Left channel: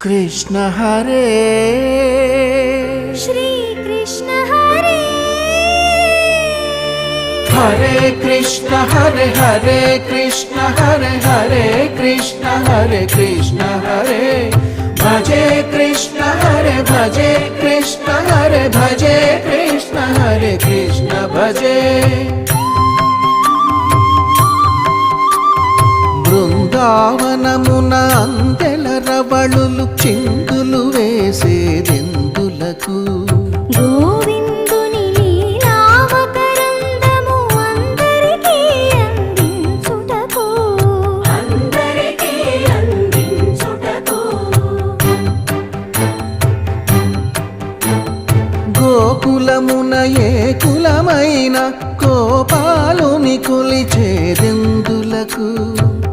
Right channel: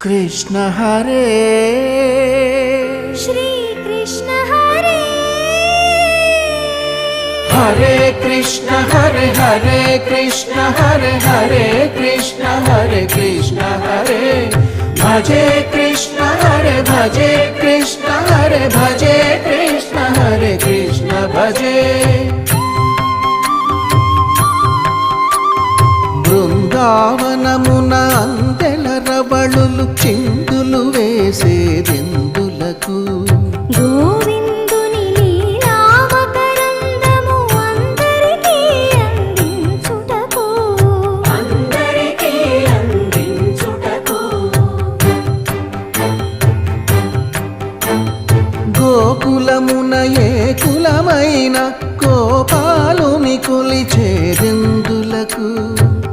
कृष्ण हरे श्री कृष्ण हरे हरे कृष्ण हरे हरे कृष्ण हरे हरे कृष्ण हरे कृष्ण हरे भजे कृष्ण हरे भजे कृष्ण हरे भजे कृष्ण हरे कृष्ण भजे బృందావనమున అందెల రవళులు చిందులు వేసేదెందులకు గోవిందుని లీలావతరందము అందరికీ అందించుటకు గోకులమున ఏ కులమైన గోపాలుని కొలిచేదెందులకు